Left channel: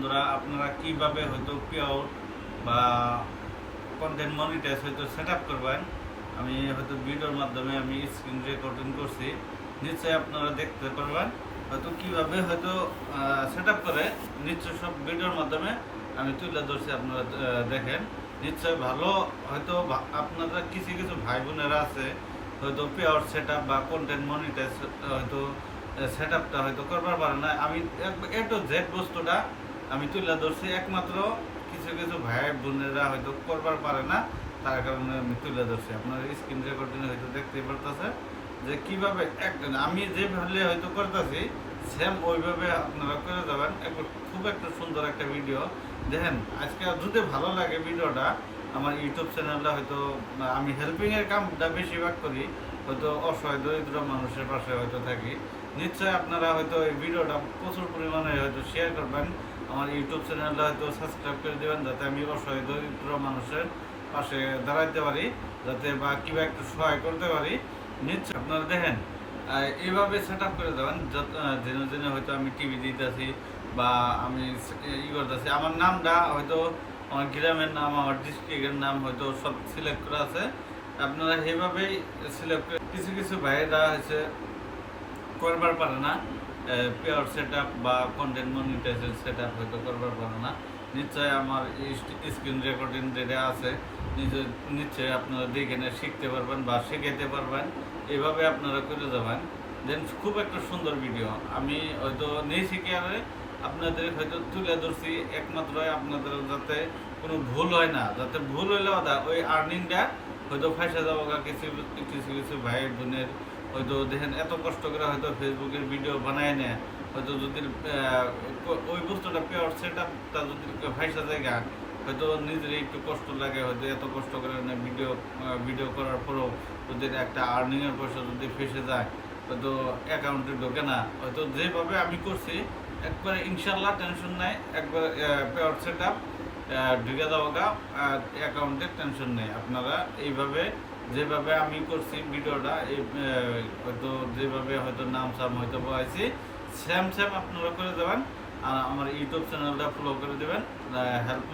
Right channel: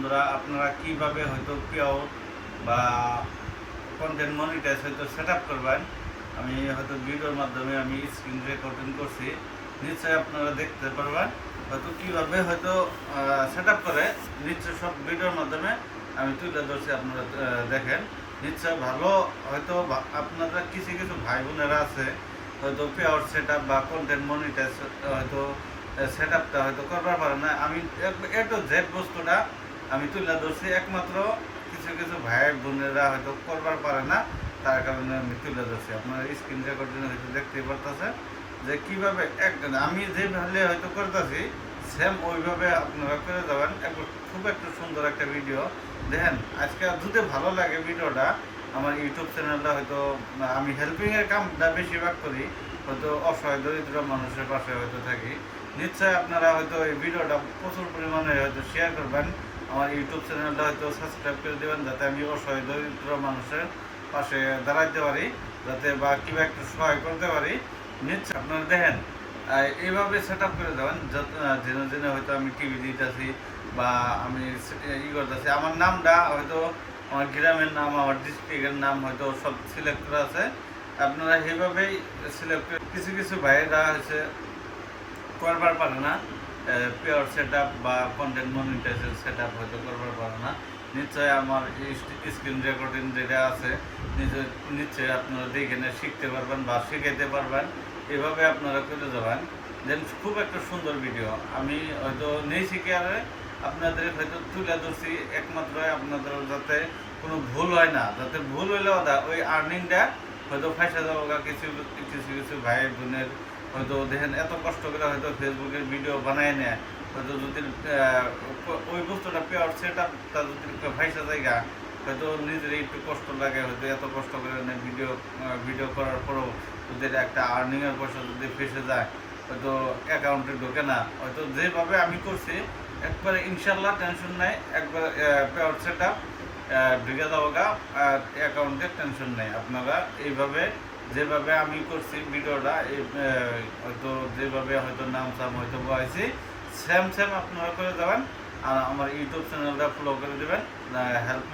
বন্ধুরা, আপনারা কিভাবে হয়তো পেআউট বা কন্টেন্ট মনিটাইজ হয়তো সেট আপ করবেন, আমি হয়তো ভিডিওর মাধ্যমে আমি স্ক্রিন রেকর্ডিং করছি, নিশ্চয়ই আপনারা দেখতে পারবেন হয়তো কিভাবে হয়তো সেট আপ করে। নিশ্চয় সব ভিডিওর মাধ্যমে আমি তুলে ধরছি, আপনারা দেখেন। নিশ্চয় ভালো হয়তো আপনারা কিছু কিছু ভাই বোনেরা আছে হয়তো পেআউট সেট আপ বা কন্টেন্ট মনিটাইজ হয়তো সেট আপটা হয়তো করবার পারে না। আমি এ টু জেড বস্তুটা আমি তুলে ধরছি, একমাত্র কিছু কিছু ভাই বোনেরা হয়তো করবার পারে না, তার কারণে আমি তুলে ধরছি। আপনারা স্ক্রিন রেকর্ডিং হয়তো দেখতেই পারতেছে যে কীভাবে আমি যেভাবে হয়তো করতেছি সেম ওইভাবে আপনারা করে যাবেন। খুব একটা সুন্দর একটা ভিডিও দেখেন। আজকে যদি ভালো লাগে ভিডিওটা, আমার ইউটিউব চ্যানেলটা হয়তো আমি হেল্পিংয়ের কামটা বেশিরভাগ করি, হয়তো অসহায় দরিদ্র মানুষের পাশে হয়তো থাকি। নিশ্চয়ই আপনারা হয়তো এই ভিডিওটা প্রচুর পরিমাণে হয়তো শেয়ার করবেন, আমার ইউটিউব চ্যানেলটা হয়তো সাবস্ক্রাইব করে দেবেন, যাতে আমি অসহায় দরিদ্র মানুষের পাশে দাঁড়াতে পারি, যাতে বা কিবা একটু সহায় করতে পারি। নিশ্চয় আপনারা দেখেন এইভাবে সেট আপ করে দেবেন, জেনে জেনে হয়তো আমি টিভি দিতেছি বা আমি করতেছি। আমার নামটা হয়তো আমার গ্রামের নাম, আমার ডিস্ট্রিক্টের নাম হয়তো সব সিলেক্ট করা আছে। আপনারা এইভাবেই সিলেক্ট করে, কিছু কিছু ভাইয়েরা হচ্ছে করবার পারে না, পেয়ার সেট আপ বা কন্টেন্ট মনিটাইজের সেট আপ হয়তো করবার পারে না। নিশ্চয় আমার স্ক্রিন রেকর্ডিং যেটা আছে নিশ্চয়ই আপনারা দেখে শিখতে পারবেন বা শিখাইতে পারবেন। এভাবে আপনারা করে যাবেন, দেন খুব একটা সুন্দর ভিডিও আমি হয়তো নেই শিখে আরে আপনাদের হয়তো তুলে ধরছি, একমাত্র আপনাদের যাতে কোনো ভুল হয় না, যাতে ভুল হইলেও ওই আর্নিংটা হয়তো ফাঁসা যাবো। কিছু কিছু কিছু ভাই বোনের হয়তো দেখেন এত কষ্ট করে হয়তো ফেসবুকের ভিডিও বানায় নেয়, হয়তো যদি ওই বস্তুটা পেয়ার সেট আপটা যদি ফাঁসা জায়গা হয়তো নিজের একটু কষ্ট লাগে, হয়তো এত কষ্ট করে ভিডিও করার পরেও যদি একটা আর্নিংয়ের পয়সা যদি ফেসে যায়, হয়তো অ্যাকাউন্টে ঢোকে না। হয়তো যেভাবে আমি করছি একবারে ইনশাল্লাহ টেনশন নেই, একবার পেয়ার সেট আপ ঢুকে যাবো গা অ্যাকাউন্টে, টেনশন নেই। আপনারা এইভাবে যেভাবে আমি করছি ভিডিওটা, হয়তো যেভাবে হয়তো নাম সাম হয়তো বয়াইছি সেম সেম আপনারা করে দেবেন। আর আমার ইউটিউব চ্যানেলটা ফলো করে দেবেন, হেল্প